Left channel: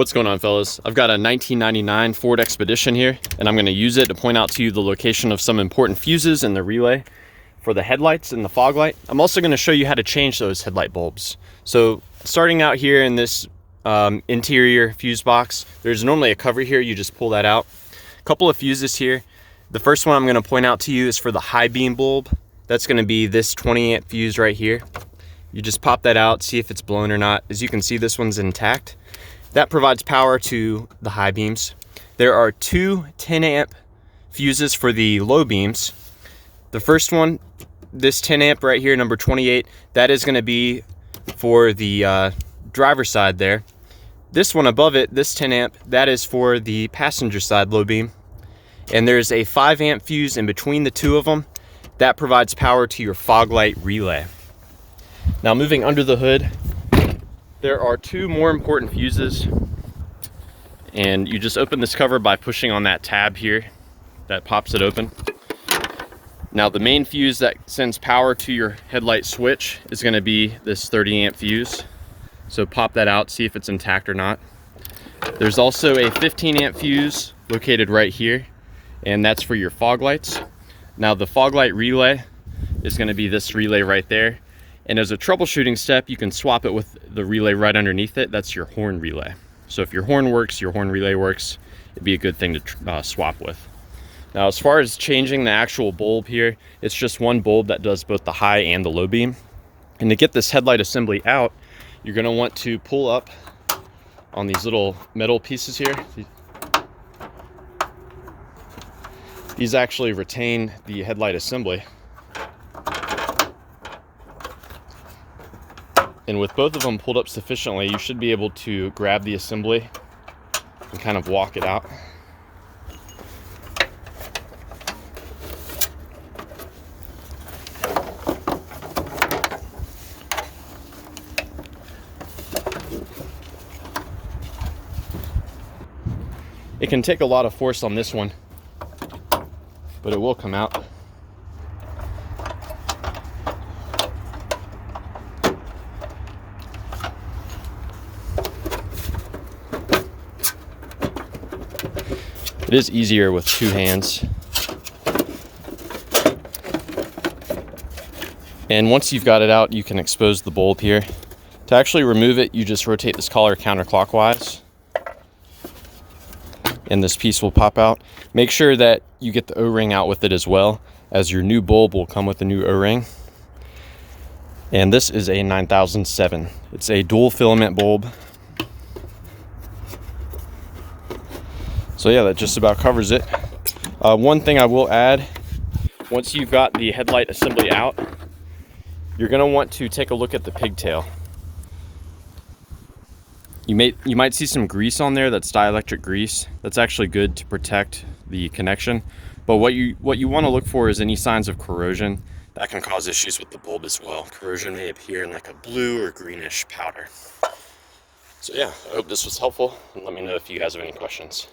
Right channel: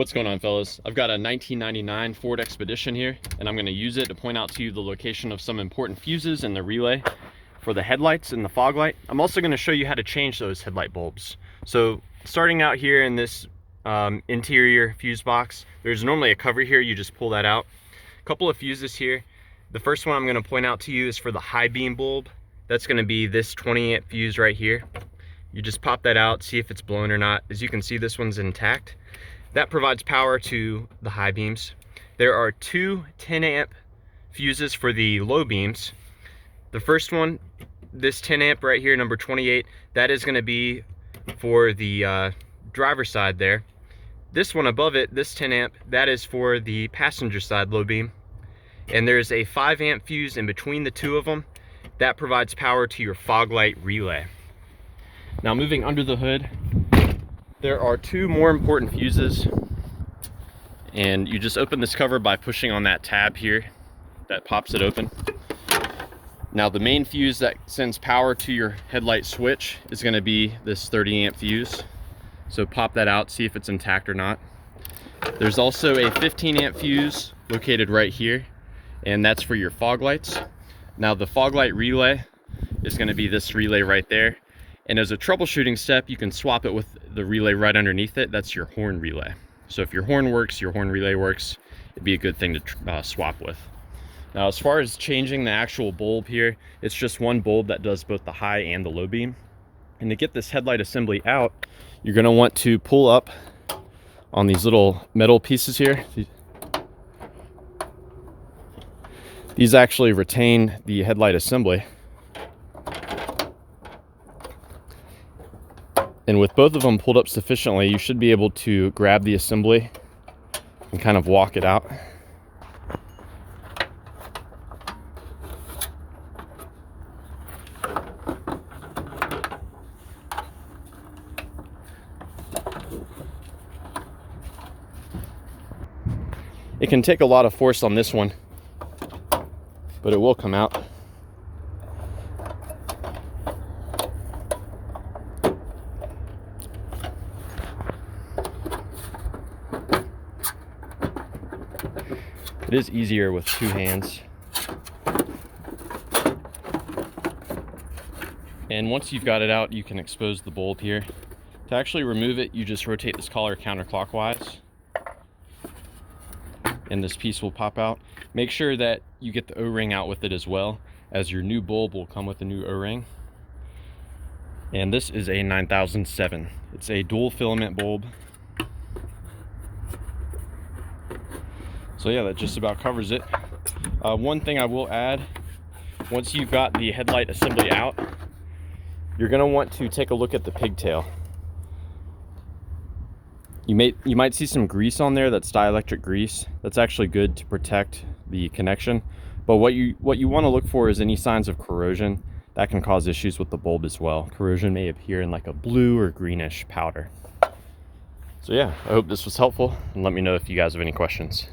What's going on, fellas? I've got a 1999 Ford Expedition here, and I'm going to use it to point out to you the location of some important fuses in the relay for the headlights and the fog light. I'm also going to show you how to change those headlight bulbs. So starting out here in this interior fuse box, there's normally a cover here. You just pull that out. A couple of fuses here. The first one I'm going to point out to you is for the high beam bulb. That's going to be this 20 amp fuse right here. You just pop that out, see if it's blown or not. As you can see, this one's intact. That provides power to the high beams. There are two 10 amp fuses for the low beams. The first one, this 10 amp right here, number 28, that is going to be for the driver's side there. This one above it, this 10 amp, that is for the passenger side low beam. And there's a 5 amp fuse in between the two of them. That provides power to your fog light relay. Now moving under the hood, there are two more important fuses, and you just open this cover by pushing on that tab here that pops it open. Now the main fuse that sends power to your headlight switch is going to be this 30 amp fuse. So pop that out, see if it's intact or not. There's also a 15 amp fuse located right here, and that's for your fog lights. Now the fog light relay is going to be this relay right there. And as a troubleshooting step, you can swap it with the relay right underneath it. That's your horn relay. So if your horn works, your horn relay works, it'd be a good thing to swap with. Now, as far as changing the actual bulb here, it's just one bulb that does both the high and the low beam. And to get this headlight assembly out, you're gonna want to pull up on these little metal pieces here. These actually retain the headlight assembly. And with both of them pulled up sufficiently, you should be able to grab the assembly and kind of walk it out. It can take a lot of force on this one, but it will come out. It is easier with two hands. And once you've got it out, you can expose the bulb here. To actually remove it, you just rotate this collar counterclockwise, and this piece will pop out. Make sure that you get the O-ring out with it as well, as your new bulb will come with a new O-ring. And this is a 9007. It's a dual filament bulb. So yeah, that just about covers it. One thing I will add, once you've got the headlight assembly out, you're gonna want to take a look at the pigtail. You might see some grease on there. That's dielectric grease. That's actually good to protect the connection. But what you want to look for is any signs of corrosion. That can cause issues with the bulb as well. Corrosion may appear in like a blue or greenish powder. So yeah, I hope this was helpful, and let me know if you guys have any questions.